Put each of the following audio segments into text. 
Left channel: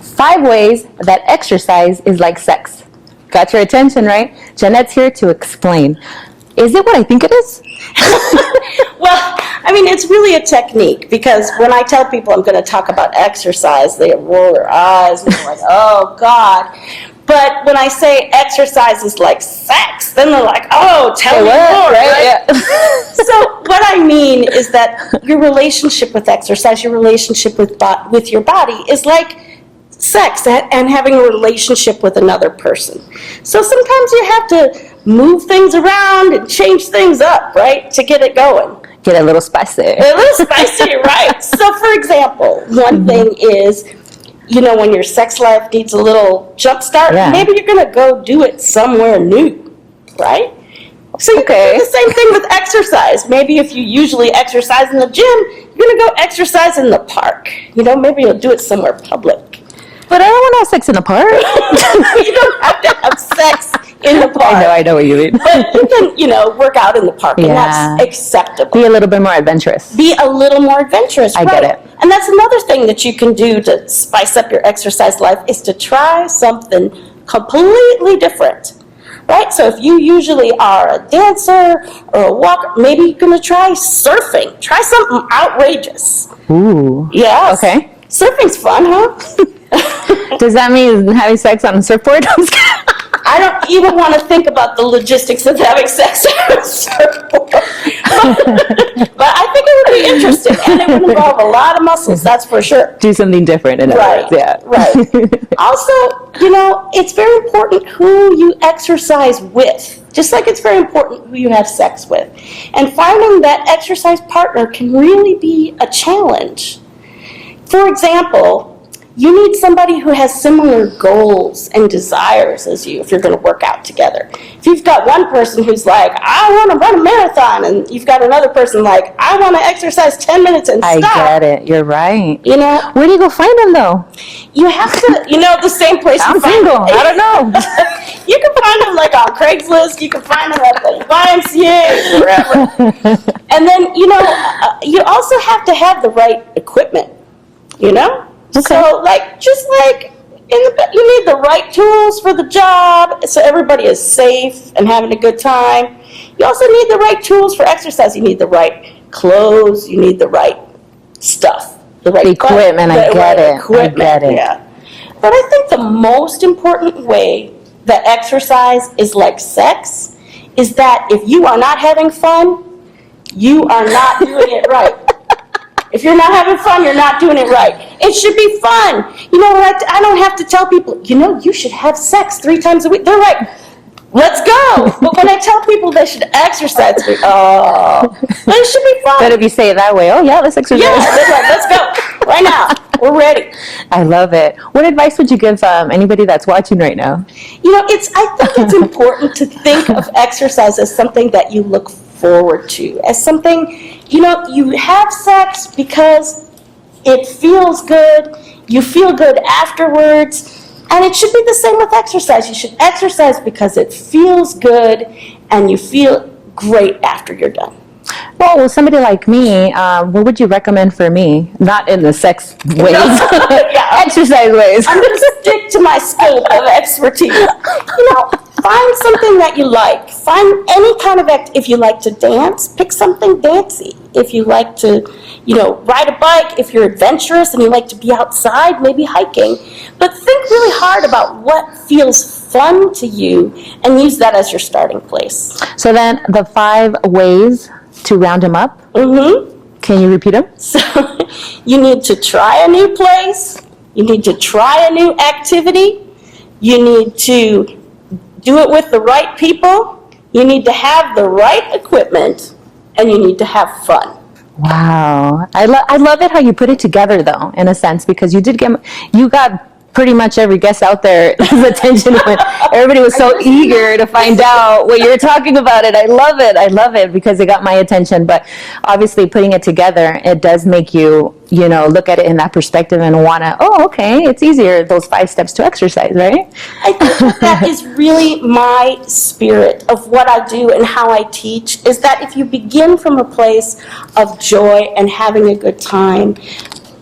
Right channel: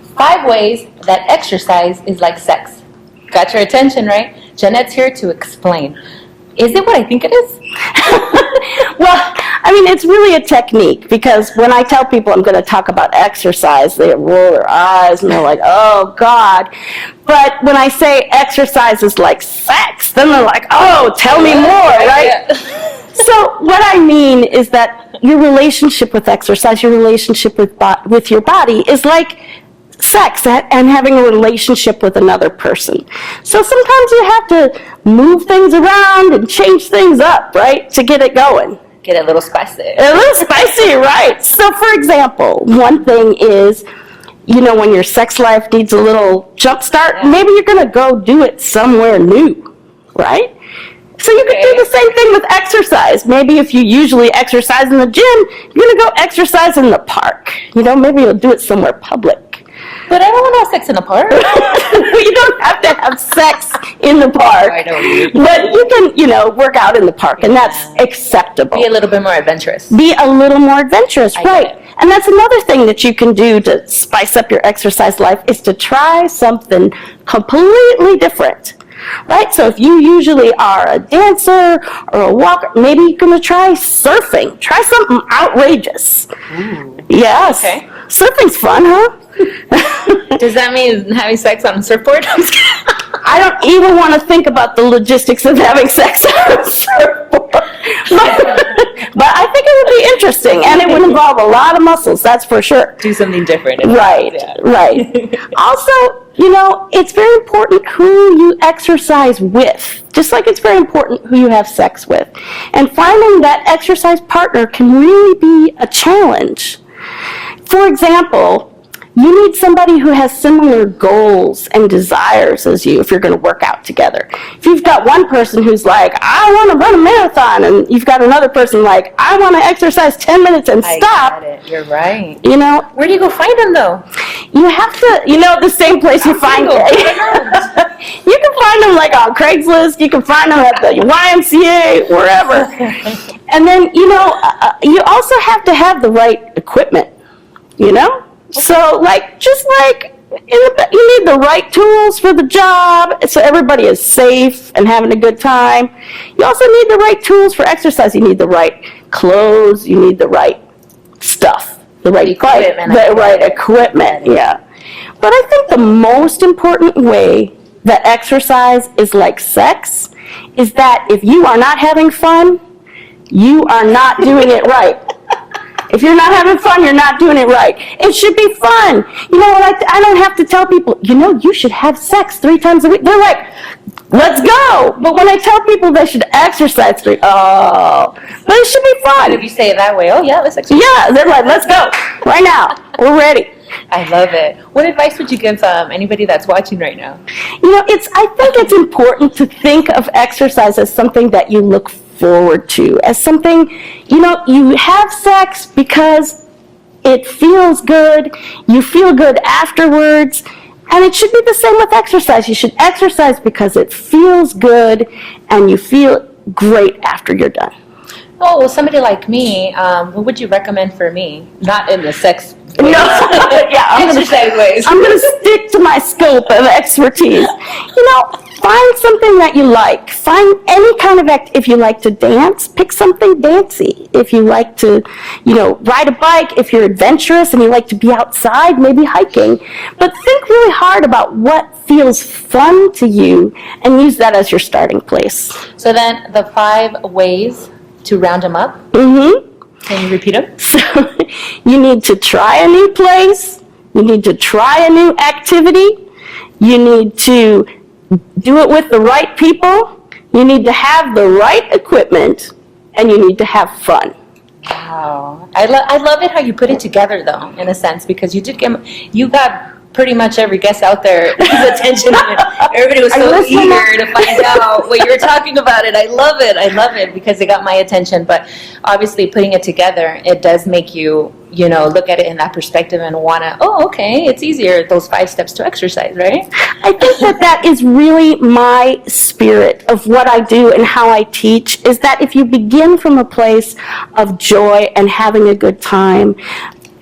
5 ways that exercise is like sex. Got your attention, right? Jeanette's here to explain. Is it what I think it is? Well, I mean, it's really a technique, because when I tell people I'm going to talk about exercise, they roll their eyes and they're like, oh, God. But when I say exercise is like sex, then they're like, oh, tell me more, right? Yeah. So what I mean is that your relationship with exercise, your relationship with your body is like sex and having a relationship with another person. So sometimes you have to move things around and change things up, right, to get it going. Get a little spicy. A little spicy, right. So for example, one thing is, you know, when your sex life needs a little jump start, maybe you're going to go do it somewhere new, right? So you can do the same thing with exercise. Maybe if you usually exercise in the gym, you're going to go exercise in the park. You know, maybe you'll do it somewhere public. But I don't want to have sex in the park. You don't have to have sex in the park. I know what you mean. But you can, you know, work out in the park, and that's acceptable. Be a little bit more adventurous. Be a little more adventurous, I right. get it. And that's another thing that you can do to spice up your exercise life, is to try something completely different. Right? So if you usually are a dancer or a walker, maybe you're going to try surfing. Try something outrageous. Ooh. Yes. Okay. Surfing's fun, huh? Does that mean having sex on a surfboard? I don't even want to think about the logistics of having sex on a surfboard. But I think it would be interesting, and it would involve a lot of muscles, that's for sure. Do something different. Right, right. Also, you know, it's very important who you exercise with, just like it's very important who you have sex with. And finding that exercise partner can really be a challenge. For example, you need somebody who has similar goals and desires as you if you're going to work out together. If you've got one person who's like, I want to run a marathon, and you've got another person like, I want to exercise 10 minutes and stop. I get it. You're right. You know? Where do you go find them, though? You have to, you know, the same place you find them. them. I don't know. You can find them like on Craigslist. You can find them at the YMCA, wherever. And then, you know, you also have to have the right equipment, you know? Okay. So, you need the right tools for the job, so everybody is safe and having a good time. You also need the right tools for exercise. You need the right clothes. You need the right stuff. The right equipment. Equipment. Yeah. But I think the most important way that exercise is like sex is that if you are not having fun, you are not doing it right. If you're not having fun, you're not doing it right. It should be fun. You know what? I don't have to tell people, you know, you should have sex 3 times a week. They're like, let's go. But when I tell people they should exercise, they're like, oh, but it should be fun. But if you say it that way, oh yeah, let's exercise. Yeah, they're like, let's go right now. We're ready. I love it. What advice would you give anybody that's watching right now? You know, I think it's important to think of exercise as something that you look forward to, as something, you know, you have sex because it feels good, you feel good afterwards, and it should be the same with exercise. You should exercise because it feels good and you feel great after you're done. Well, with somebody like me, what would you recommend for me? Not in the sex ways. Exercise ways. I'm going to stick to my scope of expertise. You know, find something that you like. Find any kind of if you like to dance, pick something dancey. If you like to, you know, ride a bike, if you're adventurous and you like to be outside, maybe hiking. But think really hard about what feels fun to you and use that as your starting place. So then the 5 ways to round them up. Mm-hmm. Can you repeat them? So you need to try a new place. You need to try a new activity. You need to do it with the right people. You need to have the right equipment, and you need to have fun. Wow. I love it how you put it together, though, in a sense, because you got pretty much every guest out there attention. Everybody was so eager to find out what you were talking about. It. I love it because it got my attention. But obviously, putting it together, it does make you, you know, look at it in that perspective and want to, oh, okay, it's easier, those 5 steps to exercise, right? I think that is really my spirit of what I do and how I teach, is that if you begin from a place of joy and having a good time,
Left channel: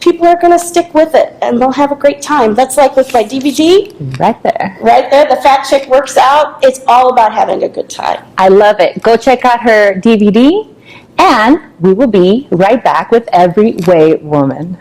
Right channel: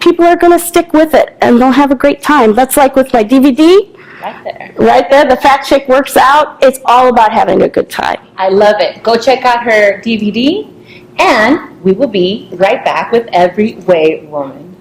people are going to stick with it and they'll have a great time. That's like with my DVD. Right there. Right there, the Fat Chick Works Out. It's all about having a good time. I love it. Go check out her DVD, and we will be right back with Every Way Woman.